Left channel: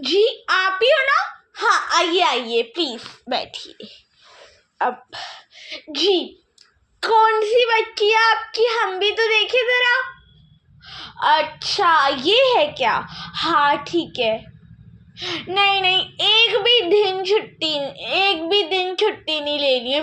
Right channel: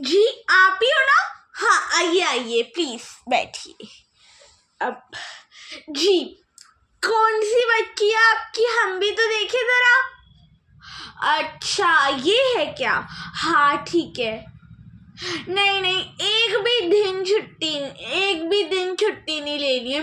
जी आप ही हो ना? हाँ आइए आइए प्लीज बैठिए। अब जी कौन सी बच्ची है आपकी? हम भी तो देखे जरा। अच्छा ये है क्या? हाँ ठीक है। नहीं नहीं, एक भी दिन छुट्टी नहीं लेनी है।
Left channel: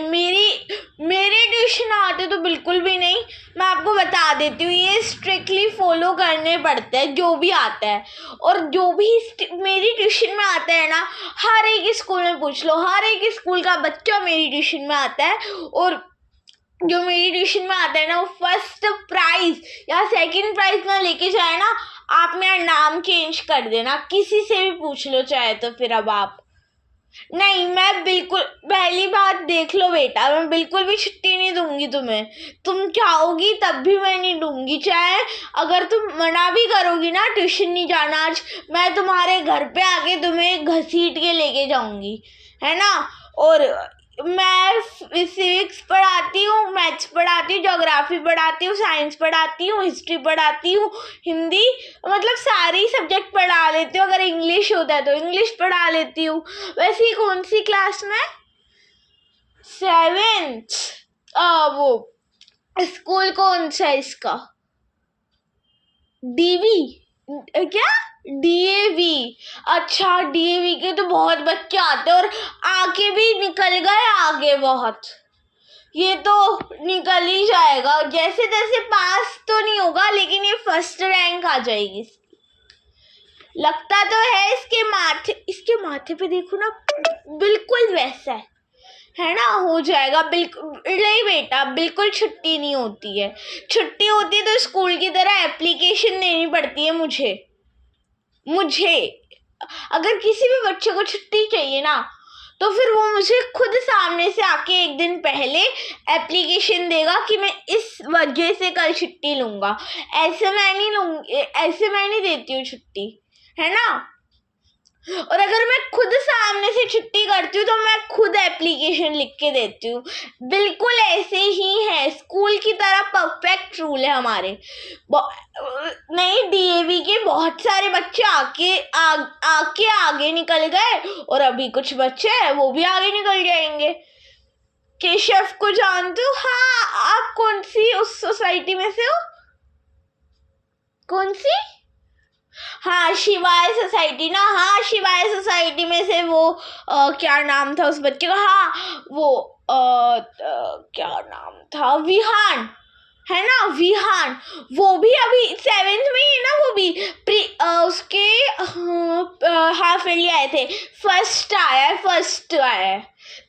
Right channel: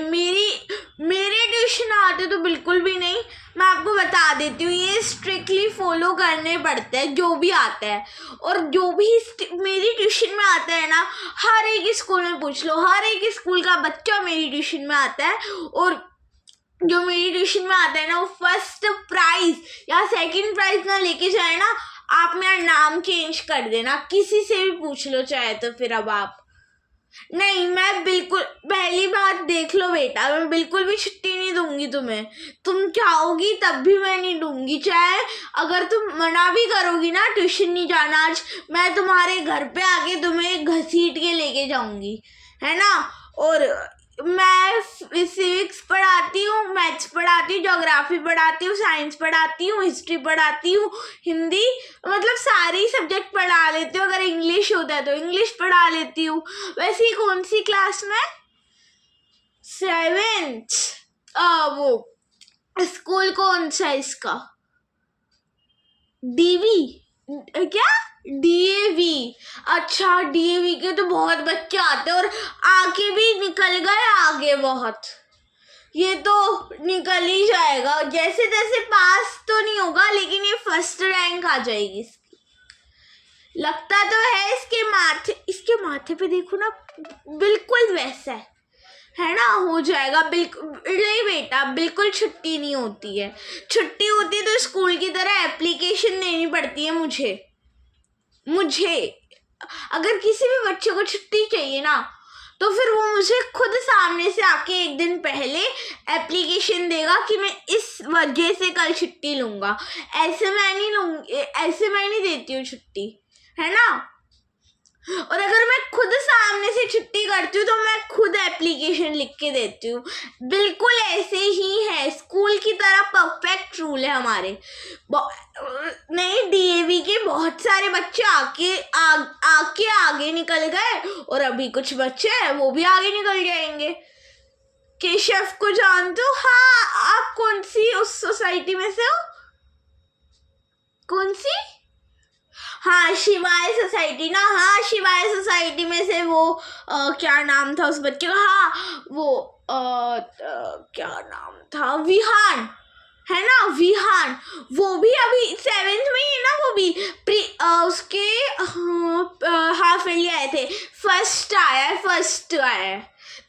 मेरे ट्यूशन आते तो बिल्कुल भी नहीं। मैं आपको बता देती हूँ, ये स्ट्रिक्टली फॉलो करने पड़ते हैं जो भी आता है। और जो भी मेरी ट्यूशन में आता है ना, हर एक स्कूल में पूछ लो, हर एक स्कूल का बच्चा मेरी ट्यूशन में आता है। और जो मेरी ट्यूशन में आता है ना, वो फर्स्ट प्राइज या सेकंड प्राइज ना लेके जाए ना, आप मेरा नाम चेंज कर देना, किसी से भी पूछ लो चाहे तो। फिर अब आप नहीं, मैं बिल्कुल, पहली बात देख लो बेटा, मैं बिल्कुल भी छुट्टी नहीं दूंगी तुम्हें। तुम चाहोगी तब भी मैं नहीं दूंगी। चाहे अगर तुम मना भी करोगी ना ट्यूशन नहीं जाना आज, मैं तुम्हारे घर पे आके तुम्हें घसीट के लेके जाऊंगी, है ना। और मैं सिविक्स पढ़ाती हूँ, मैथ्स पढ़ाती हूँ, ज्योग्राफी पढ़ाती हूँ, साइंस पढ़ाती हूँ, हिस्ट्री पढ़ाती हूँ, हिंदी, मतलब सारे ही सब्जेक्ट पढ़ा लेती हूँ। अगर इंग्लिश होता है तो इंग्लिश पढ़ा लेती हूँ। वैसे ही कौन सी क्लास में? 7th। वो स्कूल कौन सा है इसका? डीवी क्या? डीएवी। अच्छा डीएवी के तो बहुत बच्चे आते हैं और आके भी निकल गए आगे बहुत। ये तो निकल ही जाएगा, जैसे तैसे पास तो नहीं होगा, लेकिन ये फर्स्ट रैंक आ जाएगी इसकी। लगता तो है इसके माथे पे देखो ना, बिल्कुल वैसा है ना। हो जाएगा बिल्कुल। नहीं बेटा, बिल्कुल छुट्टी नहीं होती है। छुट्टी होती है तो स्कूल की तरह एप्लीकेशन देनी पड़ती है मुझे। अगर किसी भी बच्चे को छुट्टी चाहिए ना, तो फिर वो मुझे खुद सामने से आके एक दिन पहले एप्लीकेशन देगा कि मैं इस वजह से कल छुट्टी लूँगा। ऐसे मैं नहीं लूँगी, ऐसे मैं नहीं देती हूँ छुट्टी, है ना। और अगर मैं खुद सामने से छुट्टी करती हूँ तो मैं खुद एप्लीकेशन लिख के देती हूँ। बिल्कुल ऐसे ही है, स्कूल की तरह परफेक्ट रूल है हमारे। नहीं, डीएवी के बहुत सारे बच्चे आके आगे निकल गए, और अभी कुछ बच्चे हैं वो भी आगे निकल जाएंगे। केशव को जानते हो? हाँ, आप कौन सी उस सोसाइटी में से हो? कौन सी? हाँ शिवाय सोसाइटी ना। हाँ शिवाय सोसाइटी में से वो क्या नाम था उस बच्चे का? हाँ वो क्या नाम था? विहान, है ना, विहान। वो भी अभी 7th में ही है ना। वो भी उसके हाफ ईयरली आए थे। फर्स्ट आया है,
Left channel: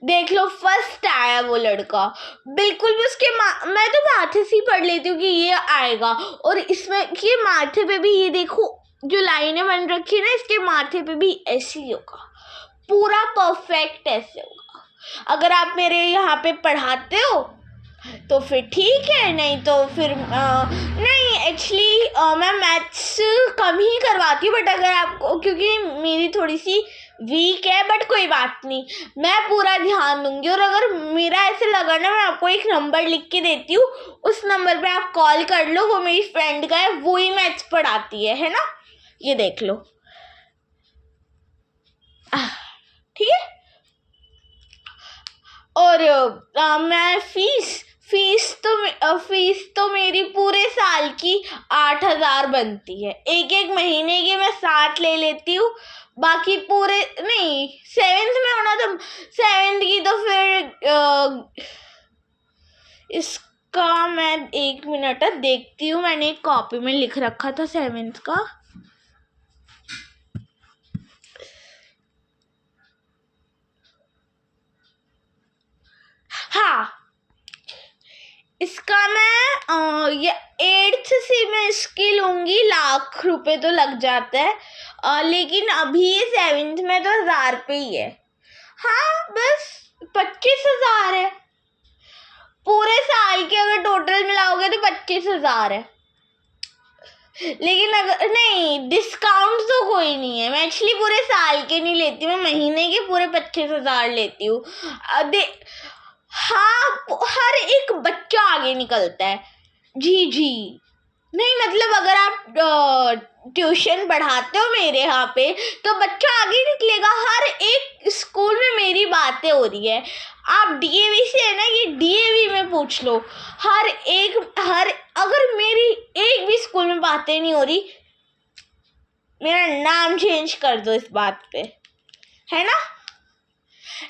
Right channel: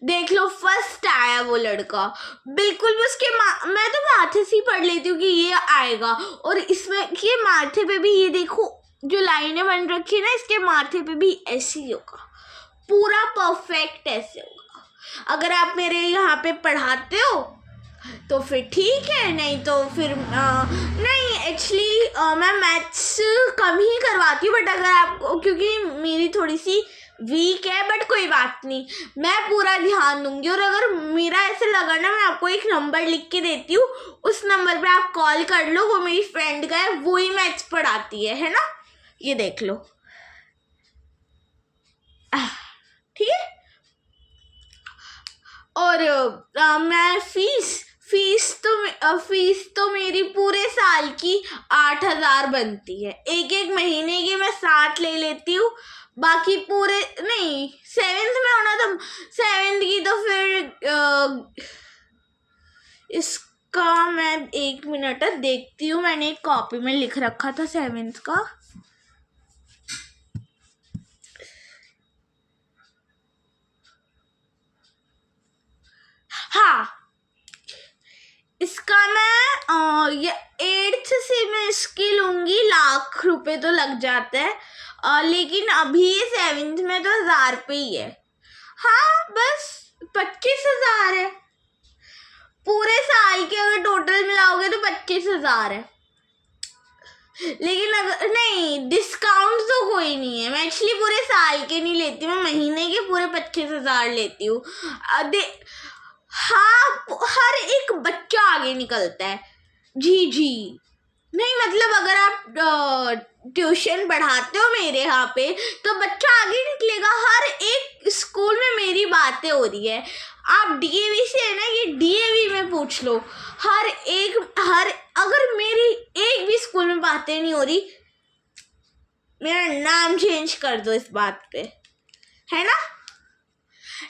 देख लो, फर्स्ट आया वो लड़का। बिल्कुल भी उसके मैं तो माथे से ही पढ़ लेती हूँ कि ये आएगा। और इसमें ये माथे पे भी, ये देखो जो लाइनें बन रखी है ना, इसके माथे पे भी ऐसे ही होगा, पूरा परफेक्ट ऐसे होगा। अगर आप मेरे यहाँ पे पढ़ाते हो तो फिर ठीक है, नहीं तो फिर नहीं, एक्चुअली मैं मैथ्स कम ही करवाती हूँ, बट अगर आपको, क्योंकि मेरी थोड़ी सी वीक है, बट कोई बात नहीं, मैं पूरा ध्यान दूंगी। और अगर मेरा ऐसे लगा ना, मैं आपको एक नंबर लिख के देती हूँ, उस नंबर पे आप कॉल कर लो, वो मेरी फ्रेंड का है, वो ही मैथ्स पढ़ाती है ना। ये देख लो, ठीक है। और मैं फीस तो मेरी पूरे साल की 8,000 बनती है। एक महीने की मैं 7 ले लेती हूँ, बाकी पूरे नहीं, 7th में होना तो 7th की तो फिर इसका मैं 1 मिनट देखती हूँ, मैंने एक कॉपी में लिख रखा था 7th का। हाँ, इसका मैं ये 8th से मैं इसकी लूँगी, लाख रुपए तो लग जाता है। लेकिन अभी ये 7th में तो 1,000 रुपये ही है। हाँ बस 25,000 है। पूरे साल के अगर टोटल मिलाओगे तो 25,000 है। लेकिन अगर नहीं, डिस्काउंट तो कोई नहीं है। मैं एक्चुअली पूरे साल के नहीं लेती, मैं महीने के पूरे 25,000 लेती हूँ। हाँ, हर एक बच्चा आगे निकलता है। जी जी, नहीं मतलब अगर आप ट्यूशन पढ़ाते हो मेरे यहाँ पे तो बच्चा आगे निकलेगा। हर एक स्कूल में मेरी बातें हो रही है। आप डीएवी से है ना, ये डीएवी में पूछ लो। हर अगर मेरी एक भी स्कूल में बातें नहीं हो रही, मेरा नाम चेंज कर दो इस बात पे, है ना।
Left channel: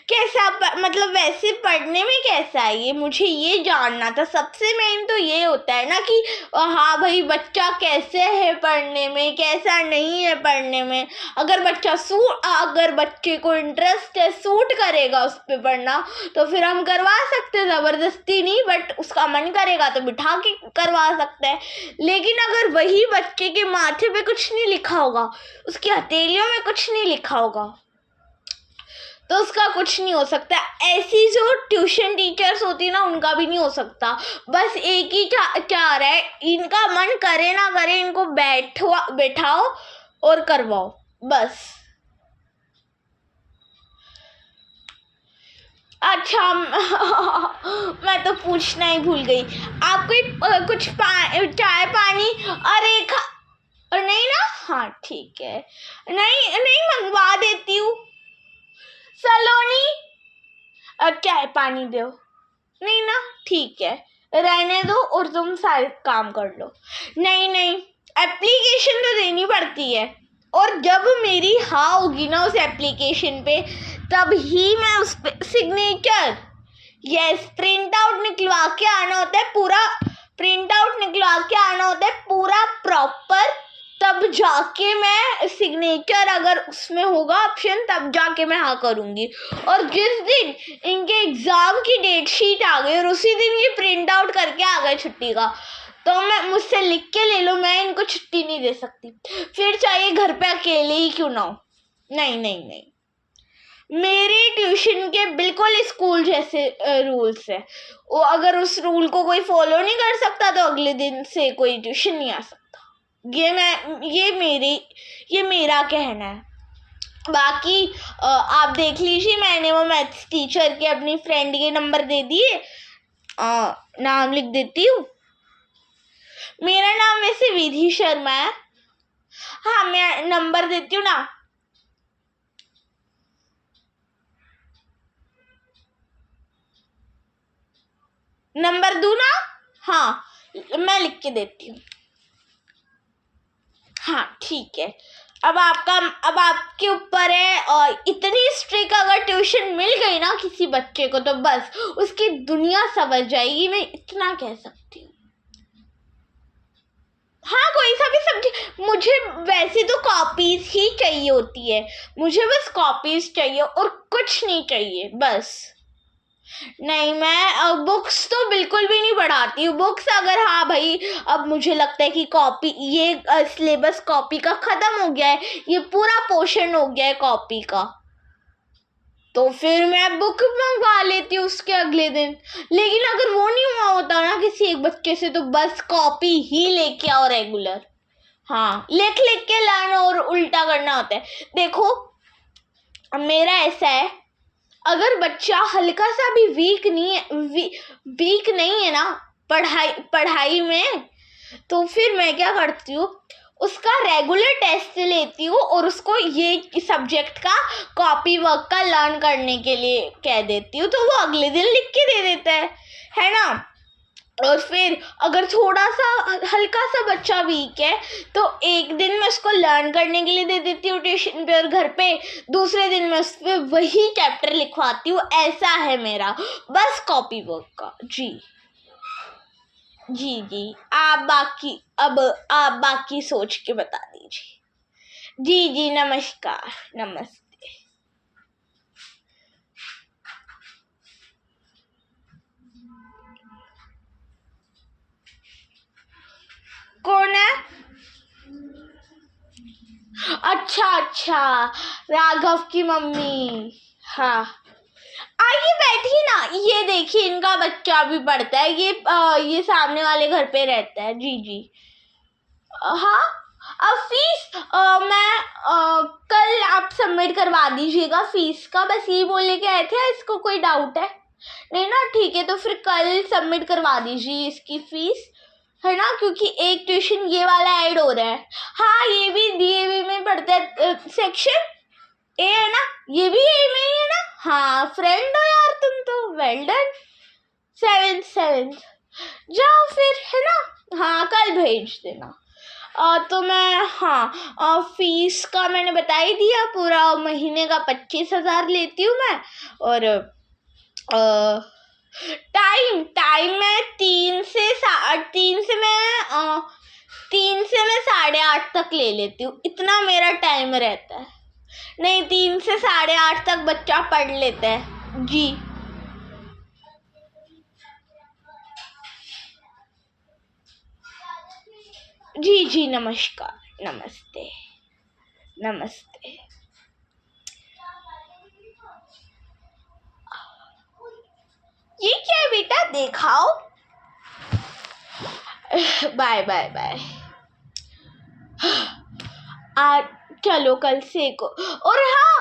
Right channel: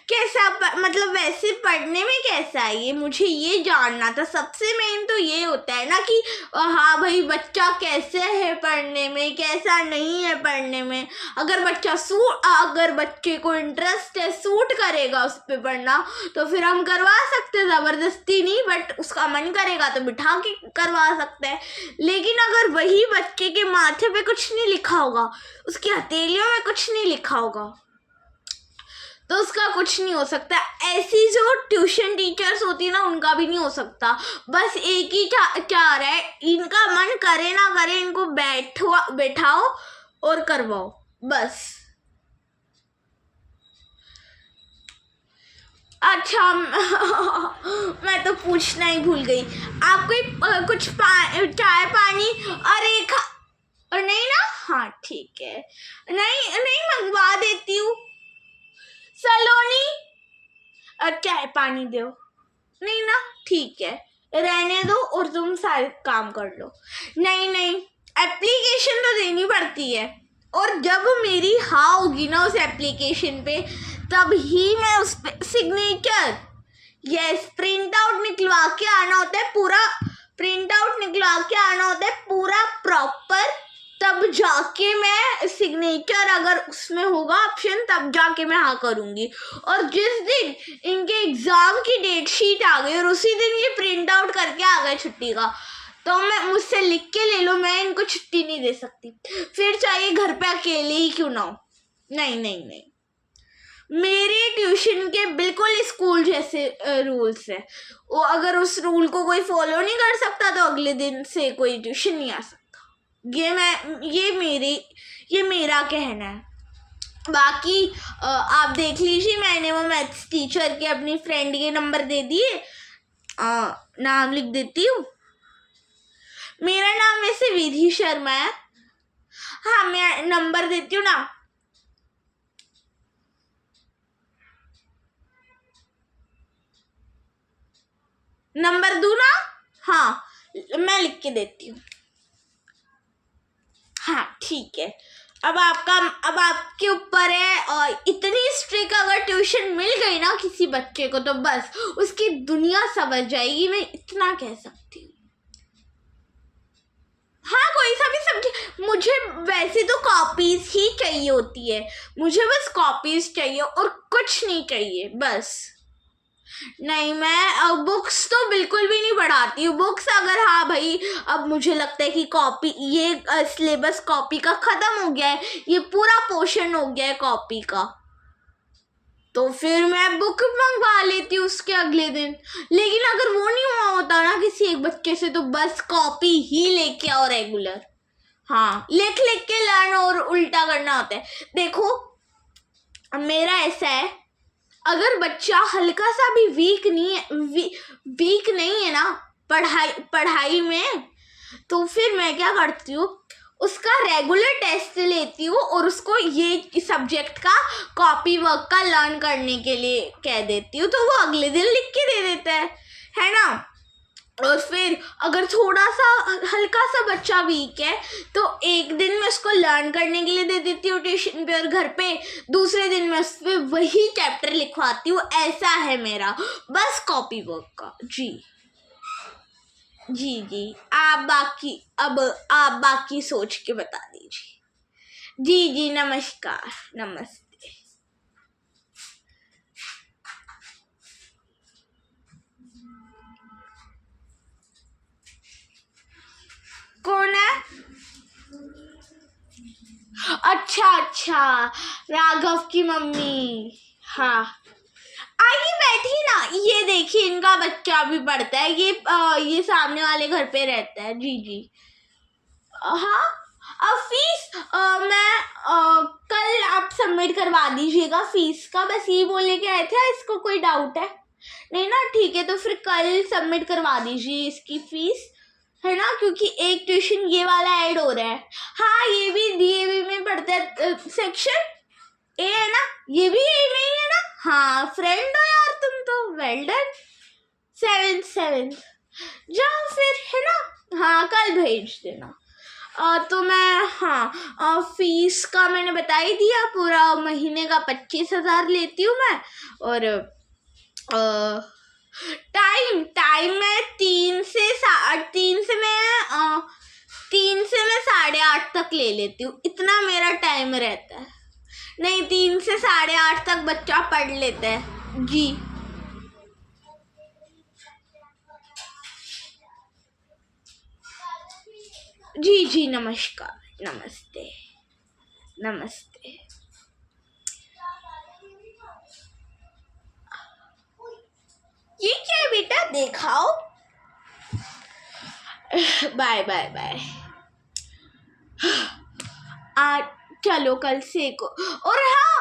कैसा मतलब वैसे पढ़ने में कैसा है ये मुझे ये जानना था। सबसे मेन तो ये होता है ना कि हाँ भाई बच्चा कैसे है पढ़ने में, कैसा नहीं है पढ़ने में। अगर बच्चे को इंटरेस्ट है, सूट करेगा उस पर पढ़ना, तो फिर हम करवा सकते हैं, ज़बरदस्ती नहीं, बट उसका मन करेगा तो बिठा के करवा सकते हैं। लेकिन अगर वही बच्चे के माथे पे कुछ नहीं लिखा होगा, उसकी हथेलियों में कुछ नहीं लिखा होगा, तो उसका कुछ नहीं हो सकता। ऐसी जो ट्यूशन टीचर्स होती है ना, उनका भी नहीं हो सकता। बस एक ही चाह रहा है, इनका मन करे ना करे, इनको बैठाओ और करवाओ बस। अच्छा मैं तो पूछना ही भूल गई। आप कोई कुछ चाय पानी अरे नहीं ना, हाँ ठीक है, नहीं नहीं मंगवा देती हूँ। सलोनी चाय पानी दो। नहीं ना, ठीक है, रहने दो और तुम सारे काम कर लो। नहीं नहीं, एप्लीकेशन तो देनी पड़ती है, और जब मेरी हाँ होगी ना उस एप्लीकेशन पे, तब ही मैं उस पे सिग्नेचर, यस, प्रिंट आउट निकलवा के आना होता है पूरा, पूरा प्रॉपर। तब जाके मैं सिग्नेचर, अगर उसमें होगा ऑप्शन, तब जाके मैं हाँ करूँगी। और जिस दिन इनके एग्ज़ाम की डेट शीट आ गई और उसी दिन ये प्रिंट आउट करके आ गए छुट्टी का, तो मैं मुझसे लिख के ले लो, मैं इनको छुट्टी नहीं दे सकती। फिर चाहे घर पे अकेले ही क्यों ना हो। नहीं नहीं नहीं, मेरे ट्यूशन के बिल्कुल स्कूल जैसे रूल्स है। वो अगर उस रूल को कोई फॉलो नहीं कर सकता तो अगले दिन से कोई ट्यूशन नहीं आ सकता। ये मेरा कहना है। बाकी आप देख लीजिए, मैंने वो मैथ्स टीचर के अपनी फ्रेंड के नंबर दे दिए। नाम लिख देती हूँ। मेरा नाम वैसे विधि शर्मा है। हाँ, मैं नंबर देती हूँ ना। नंबर दूँ ना? हाँ, मैं लिख के देती हूँ। हाँ ठीक है। अब आपके ऊपर है। और इतनी स्ट्रिक्ट अगर ट्यूशन मिल गई ना किसी बच्चे को, तो बस उसकी दुनिया समझ जाएगी, मैं इतना कह सकती हूँ। हाँ, कोई सा भी सब्जेक्ट, मुझे वैसे तो कॉपीज ही चाहिए होती है, मुझे बस कॉपीज चाहिए और कुछ नहीं चाहिए बस। नहीं, मैं बुक्स तो बिल्कुल भी नहीं पढ़ाती हूँ। बुक्स अगर हाँ भाई, अब मुझे लगता है कि कॉपी, ये सिलेबस कॉपी का ख़त्म हो गया है, ये पूरा पोर्शन हो गया है कॉपी का, तो फिर मैं बुक मंगवा लेती हूँ उसके अगले दिन। लेकिन अगर वो नहीं हुआ होता ना किसी एक बच्चे से, तो बस कॉपी ही लेके आओ रेगुलर। हाँ, लिख लिख के लाना और उल्टा करना होता है। देखो, मेरा ऐसा है, अगर बच्चा हल्का सा भी वीक नहीं है ना पढ़ाई में, तो फिर मैं क्या करती हूँ, उसका रेगुलर टेस्ट लेती हूँ और उसको ये सब्जेक्ट का कॉपी वर्क का लर्न करने के लिए कह देती हूँ, तो वो अगले दिन लिख के दे देता है ना। और फिर अगर थोड़ा सा हल्का सा बच्चा वीक है, तो एक दिन मैं उसको लर्न करने के लिए दे देती हूँ ट्यूशन पे, और घर पे दूसरे दिन मैं उस पर वही चैप्टर लिखवाती हूँ। ऐसा है मेरा बस कॉपी वर्क का। जी जी जी, आप बाकी सोच के बता दीजिए। जी जी, नमस्कार, नमस्ते। कौन है? अच्छा, राघव की मम्मी। हाँ, आइए बैठिए ना। ये देखिए, इनका बच्चा भी पढ़ता है, ये सामने वाले घर पे रहता है। जी जी, हाँ। अब फीस मैं कल आप सबमिट करवा दीजिएगा फीस का, बस ये बोलने के आए थे। इसको कोई डाउट है? नहीं ना, ठीक है, तो फिर कल सबमिट करवा दीजिए इसकी फीस। है ना, क्योंकि एक ट्यूशन ये वाला ऐड हो रहा है। हाँ, ये भी डीएवी में पढ़ता है, सेक्शन ए है ना, ये भी ए में ही है ना। हाँ, फ्रेंड हो यार तुम तो, वेल डन। 7th जाओ फिर, है ना। हाँ, कल भेज देना। तो मैं, हाँ, फीस का मैंने बता ही दिया, पूरा महीने का 25,000 लेती हूँ मैं। और टाइम मैं 3 से मैं 8:30 तक ले लेती हूँ, इतना मेरा टाइम रहता है। नहीं, 3 से 8:30 तक बच्चा पढ़ लेता है जी। जी जी, नमस्कार, नमस्ते, नमस्ते। ये क्या है बेटा, दिखाओ। Bye bye bye. चलो कल से को। और हाँ,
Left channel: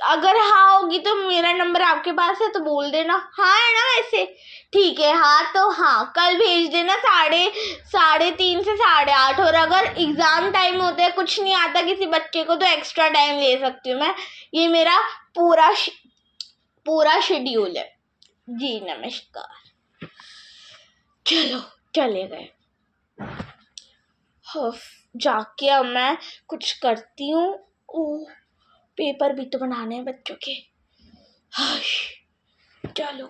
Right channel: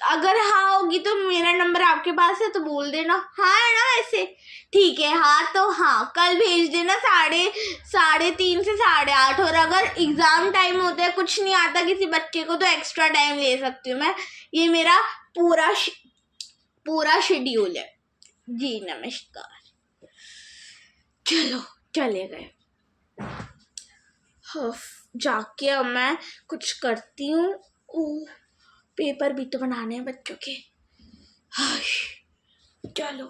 अगर हाँ होगी तो मेरा नंबर आपके पास है तो बोल देना। हाँ है ना वैसे, ठीक है। हाँ तो हाँ, कल भेज देना 3:30 से 8:30। और अगर एग्ज़ाम टाइम होता है, कुछ नहीं आता किसी बच्चे को, तो एक्स्ट्रा टाइम ले सकती हूँ मैं। ये मेरा पूरा शेड्यूल है जी। नमस्कार। चलो, चले गए। जाके अब मैं कुछ करती हूँ। ओह, पेपर भी तो बनाने हैं बच्चों के। चलो।